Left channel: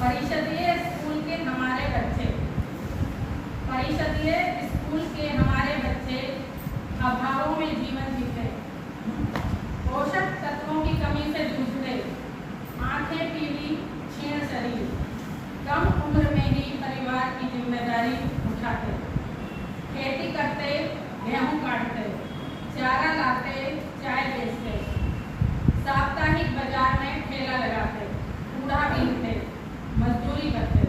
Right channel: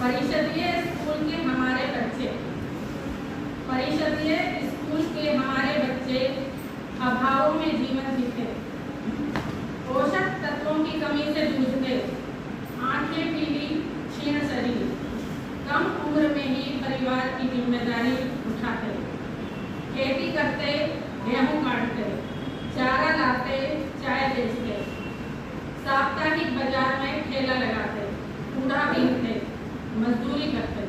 परिषदीय school के हमारे बच्चे, परिषदीय स्कूल के हमारे बच्चे अभावों में जीवन जीते, पोषक तत्वों की कमी से जूझते, आंखें पीली, क्षीण शरीर, कम उम्र में ही परिवार की जिम्मेदारी उठाते, खेती करते, गेहूं काटते, चारा लाते, चाय बेचते, साप्ताहिक बाजार में ठेला लगाते, कूड़ा बीनते, मजदूरी करते।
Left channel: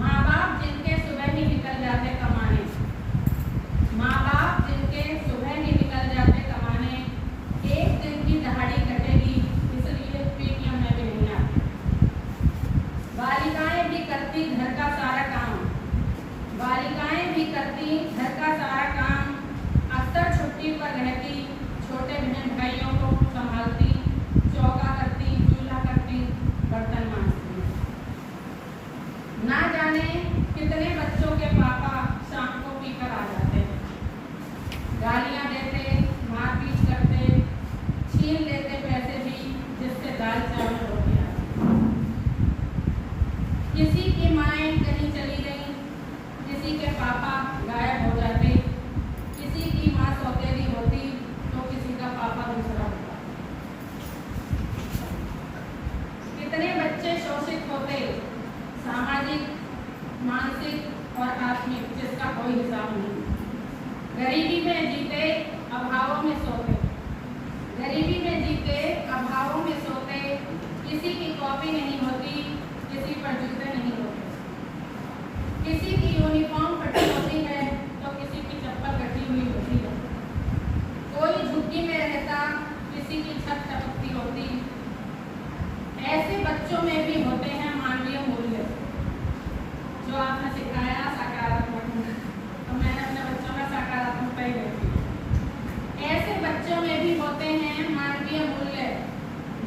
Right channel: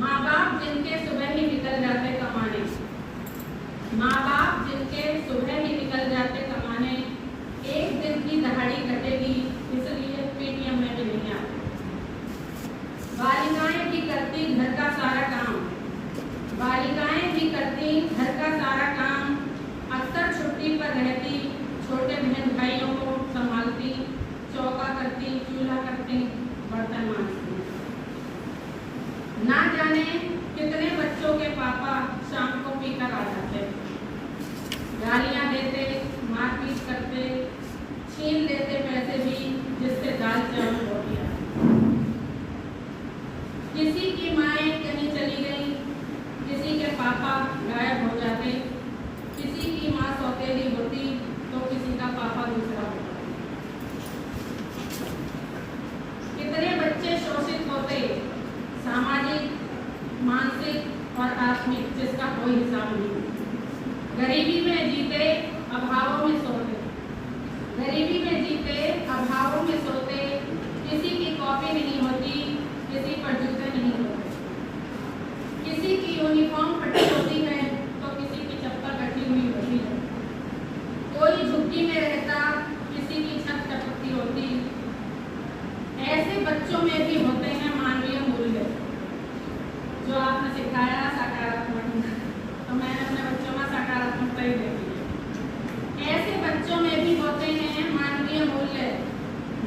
माँ बाप जिनके सुबह ही निकल जाते कमाने, माँ बाप जिनके सुबह ही निकल जाते कमाने, एक दिन की दहाड़ी कटेगी इसलिए पेटीएम में भी नहीं आते। बालिकाएं भी करती घर का सारा काम, बालिकाएं भी करती घर का सारा काम, अक्सर छुट्टी पर रहती, छोटे बहन भाइयों को संभालती, चौका करती, चूल्हा करती, बर्तन मांजती। ना जाने कितने बच्चों के पापा शाम को पीकर आ जाते, गालियां देते, मारपीट करते, छीन लेते पैसे भी जिससे दाल चावल रोटी आती। किसी की माएँ कहीं चली गई, किसी के पापा गायब हो जाते, किसी की माँ सौतेली होती तो किसी का पापा दूसरा होता। कितने बच्चे शोषित होते, सामाजिक, मानसिक और आत्मिक, जिसका कोई हिसाब नहीं। गरीबी में जीते, अभावों में सोते, गरीबी में जीते, अभावों में सोते, किसी की कॉपी नहीं होती, किसी पर जूते नहीं होते, किसी की यूनिफॉर्म फटी होती है तो किसी की चप्पल कटी हुई होती है, कोई झुग्गी में रहता, किसी की छत टपकती होती। ऐसे बच्चों में भी होते हैं मानवीय मूल्य, जो आपने सिखाया सकारात्मक, तो मैंने अपने बच्चों में सकारात्मकता ही देखी। ऐसे बच्चों में भी होते हैं मानवीय मूल्य।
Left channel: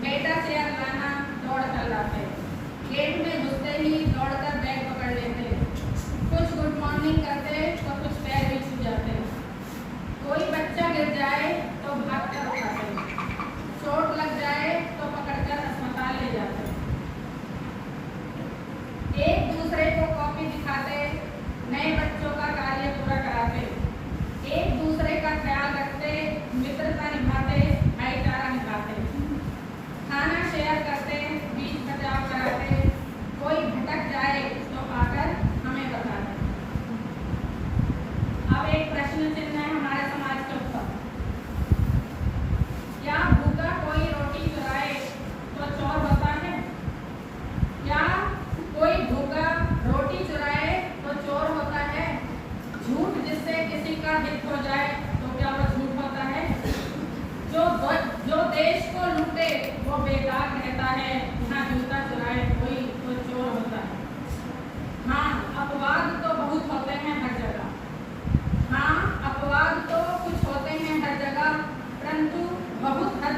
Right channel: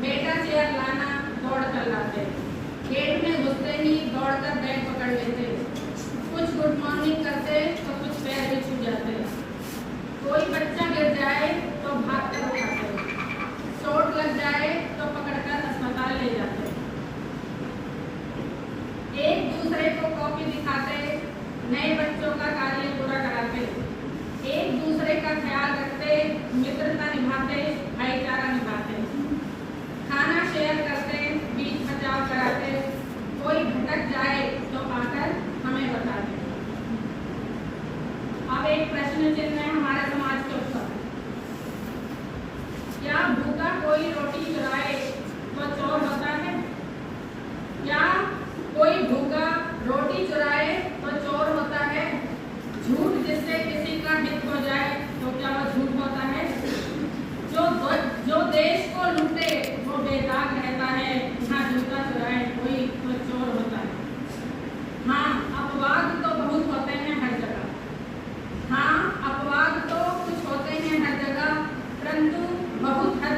बेटा चेयर लाना, दौड़ कर लाते, गेट में घुसते ही दौड़कर बैग पकड़ लेते, कुछ गुड मॉर्निंग करते तो कुछ पैर भी छू जाते, कोई बच्चा गिर जाए तो भाग कर उठाते, चोट लग जाए तो पकड़कर अस्पताल ले जाते, एक दूसरे को कॉपी दिखाते, नए बच्चों का कार्य पूरा कराते, एक दूसरे का ख्याल रखते, मित्रता निभाते, भाईचारा निभाते, खाना शेयर करते, बीच बचाव कराते, कोई भटक जाए तो आकर हमें बताते। अब एक प्रश्न चिन्ह है हमारे समाज के ऊपर, क्या भूखा कोई रोटी चुराए तो चोर होता है? क्या कोई भूखा रोटी चुराए तो चोर होता है? झूठ जिससे किसी का हित हो जाए तो क्या वह झूठ होता है? जो देश को लूटे वो बेदाग रहता है, यहाँ जूता चुराए कोई तो चोर होता है। हाँ, अपवाद तो बहुत होते हैं हर जगह, हाँ अपवाद तो कुछ होते हैं हर जगह, परंतु बहुत हद